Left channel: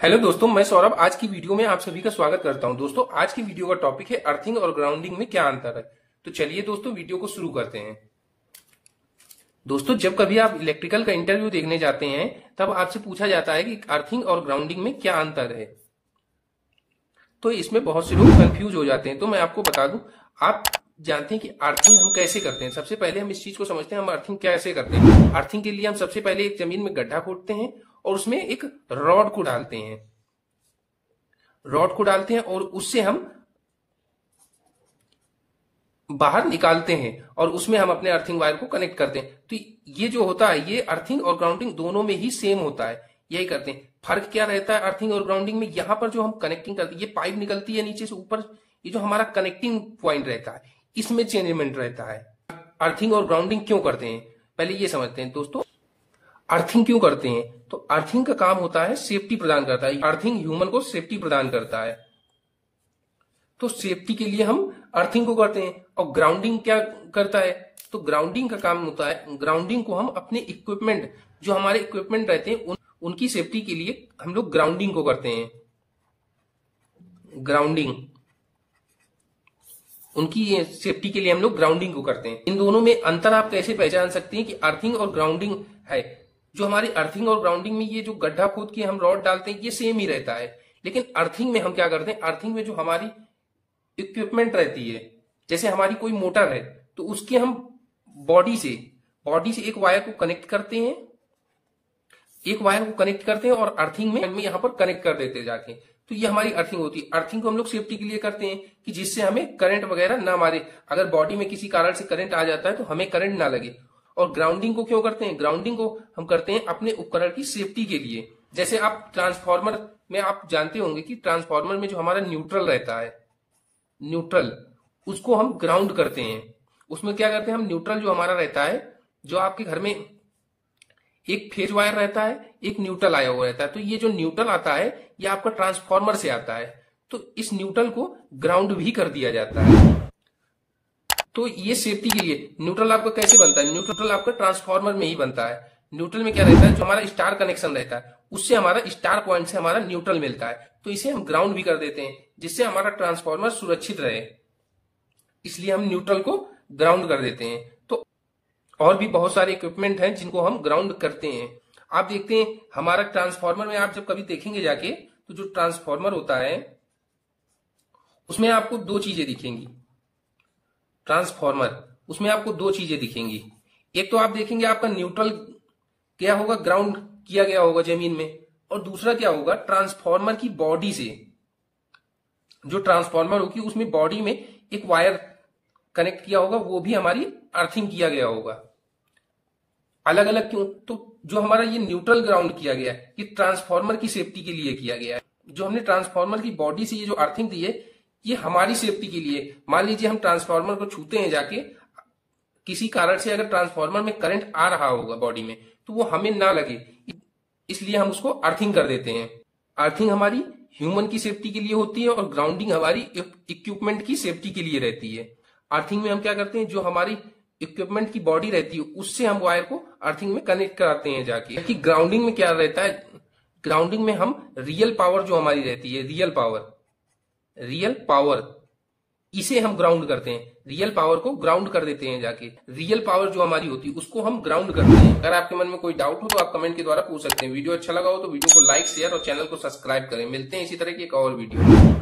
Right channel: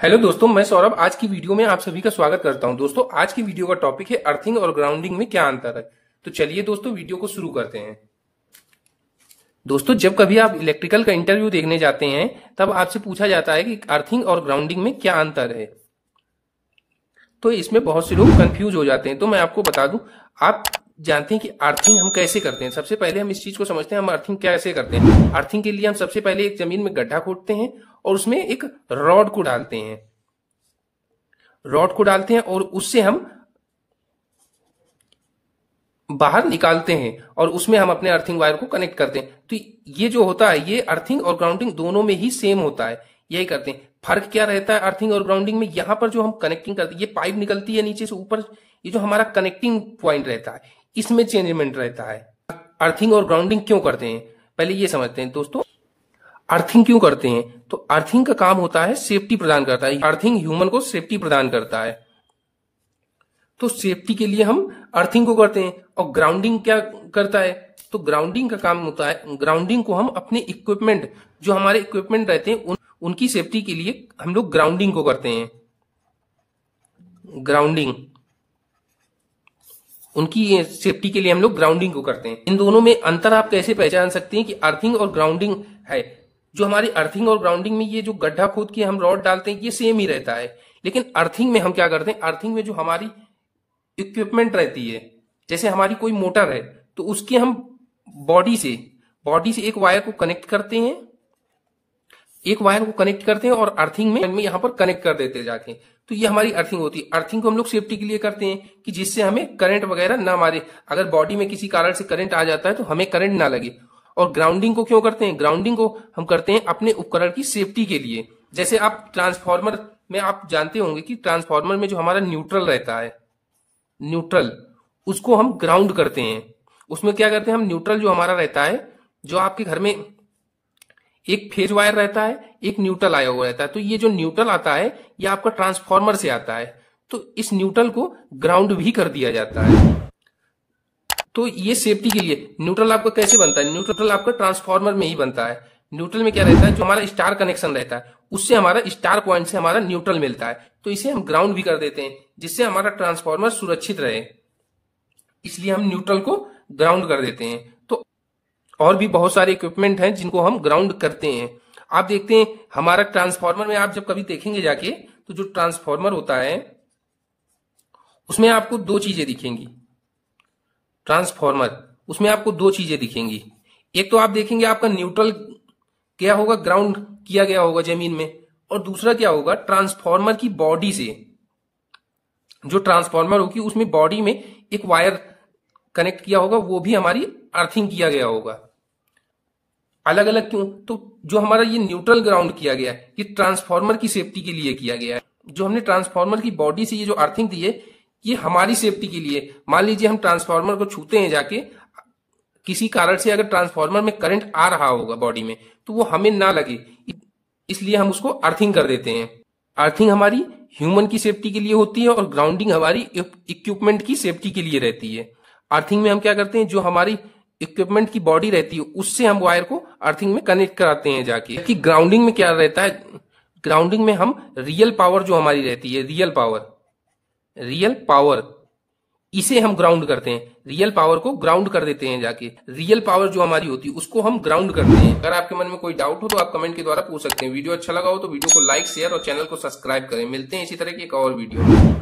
Hello दोस्तों, मैं सौरभ आज की वीडियो में आप सभी का स्वागत करता हूं। दोस्तों, आज की वीडियो का टॉपिक है अर्थिंग और ग्राउंडिंग में क्या अंतर है। तो चलिए दोस्तों वीडियो को शुरू करते हैं। दोस्तों, जब कभी आप इलेक्ट्रिकल का इंटरव्यू देखने जाते हैं तब आपसे पूछा जाता है कि अर्थिंग और ग्राउंडिंग में क्या अंतर है। तो इसमें बहुत से लोग कंफ्यूज हो जाते हैं। तो मैं आपको बता दूं, आप जानते हैं कि अर्थिंग हम कैसे करते हैं। सबसे पहले हम इस चीज को समझते हैं, हम अर्थिंग कैसे करते हैं। अर्थिंग के लिए हम सबसे पहले एक जमीन में गड्ढा खोदते हैं और उसमें एक रॉड को डालते हैं। और उससे हम बाहर निकालते हैं और उसमें हम अपने अर्थिंग वायर को कनेक्ट करते हैं। तो ये जो होता है, ये अर्थिंग और ग्राउंडिंग दोनों में ही सेम होता है, यही करते हैं। फर्क क्या रहता है अर्थिंग और ग्राउंडिंग में? यहाँ पर जो हम कनेक्टिंग करते हैं, ये पाइप निकलती है नीचे से ऊपर, ये जो हमारा कनेक्टिंग पॉइंट रहता है, इसमें चेंजमेंट रहता है। अर्थिंग और ग्राउंडिंग क्यों करते हैं, पहले ये समझते हैं दोस्तों। अर्थिंग क्यों करते हैं? तो अर्थिंग का काम होता है सेफ्टी प्रदान करता है। अर्थिंग ह्यूमन को सेफ्टी प्रदान करता है, तो सेफ्टी के लिए हम अर्थिंग को करते हैं। और ग्राउंडिंग क्या करता है? तो ग्राउंडिंग का काम होता है, ग्राउंडिंग को हम अपने इक्विपमेंट, जो हमारे इक्विपमेंट रहते हैं उनकी सेफ्टी के लिए हम लोग ग्राउंडिंग को करते हैं। ग्राउंडिंग, उनकी सेफ्टी के लिए हम लोग ग्राउंडिंग को करते हैं। इन दोनों में अंतर आप कैसे पहचान सकते हैं कि अर्थिंग और ग्राउंडिंग है? जो हमारी अर्थिंग और ग्राउंडिंग में ये जो गड्ढा खोद के हम रॉड डालते हैं, ये सेम ही रहता है। लेकिन अर्थिंग में हम क्या करते हैं, अर्थिंग में जो हमारी इक्विपमेंट रहती है, जैसे हमारी कोई मोटर है, तो उसके हम बॉडी से एक वायर को कनेक्ट करते हैं, और अर्थिंग में यहां पर कनेक्ट कर देते जाके। तो ये हमारी अर्थिंग होती है। अर्थिंग को हम लोग सेफ्टी के लिए करते हैं कि जिससे हमें करंट वगैरह ना मारे। अगर बॉडी में किसी कारण से करंट आ जाता है तो हमें करंट ना लगे। और ग्राउंडिंग को क्यों करते हैं? ग्राउंडिंग को हम करते हैं अपने उपकरण की सेफ्टी के लिए। जैसे आप ट्रांसफार्मर में आप जानते होंगे कि ट्रांसफार्मर में जो हमारा न्यूट्रल रहता है, न्यूट्रल, उसको हम ग्राउंड करते हैं। उसमें क्या करते हैं हम, न्यूट्रल जो हमारा रहता है, जो आपके घर में एक फेज वायर रहता है, एक न्यूट्रल आया हुआ रहता है। तो ये जो न्यूट्रल आता है, ये आपका ट्रांसफार्मर से आता है। तो इस न्यूट्रल को ग्राउंड भी कर दिया जाता है। तो ये सेफ्टी के लिए। न्यूट्रल आपका कैसे बनता है? न्यूट्रल आपका ट्रांसफार्मर में ही बनता है। न्यूट्रल में क्या रहता है, जो हमारा स्टार कनेक्शन रहता है, उससे हमारा स्टार पॉइंट से हमारा न्यूट्रल मिलता है। तो इसे हम ग्राउंड भी कर देते हैं, जिससे हमारा ट्रांसफार्मर सुरक्षित रहे। इसलिए हम न्यूट्रल को ग्राउंड कर देते हैं। तो और भी बहुत सारे इक्विपमेंट हैं जिनको हम ग्राउंड करते हैं। आप देखते हैं हमारा ट्रांसफार्मर में, आप जब कभी देखेंगे जाके, तो जो ट्रांसफार्मर होता है उसमें आपको दो चीजें दिखेंगी। ट्रांसफार्मर, उसमें आपको दो चीजें दिखेंगी। एक तो आप देखेंगे आपका न्यूट्रल क्या होगा, ग्राउंड किया गया होगा जमीन में। और दूसरा क्या होगा, ट्रांसफार्मर की बॉडी से, जो ट्रांसफार्मर होगी उसमें बॉडी में एक वायर कनेक्ट किया होगा, वो भी हमारी अर्थिंग किया गया होगा। अलग अलग क्यों? तो जो हमारा ये न्यूट्रल ग्राउंड किया गया है, ये ट्रांसफार्मर की सेफ्टी के लिए किया गया है। जो हमने ट्रांसफार्मर की बॉडी से ये जो अर्थिंग दी है, ये हमारी सेफ्टी के लिए। मान लीजिए हम ट्रांसफार्मर को छूते हैं जाके, किसी कारण से अगर ट्रांसफार्मर में करंट आ रहा होगा बॉडी में, तो वो हमें ना लगे, इसलिए हम उसको अर्थिंग कर देते हैं। अर्थिंग हमारी ह्यूमन की सेफ्टी के लिए होती है और ग्राउंडिंग हमारी इक्विपमेंट की सेफ्टी के लिए रहती है। अर्थिंग में हम क्या करते हैं, जो हमारी इक्विपमेंट की बॉडी रहती है उससे हम वायर को अर्थिंग में कनेक्ट कराते हैं जाके। कि ग्राउंडिंग में क्या रहता है, ग्राउंडिंग में हम रियल पावर जो हमारी रहती है, रियल पावर, इसे हम ग्राउंड करते हैं। रियल पावर को ग्राउंड कर देते हैं जाके। रियल पावर जो हमारी होती है उसको हम ग्राउंड करते हैं। अगर आपके मन में कोई डाउट हो तो आप कमेंट के द्वारा पूछ सकते हैं। वीडियो अच्छा लगा हो तो वीडियो को लाइक, शेयर और चैनल को सब्सक्राइब करें। मिलते हैं इसी तरह की एक और वीडियो।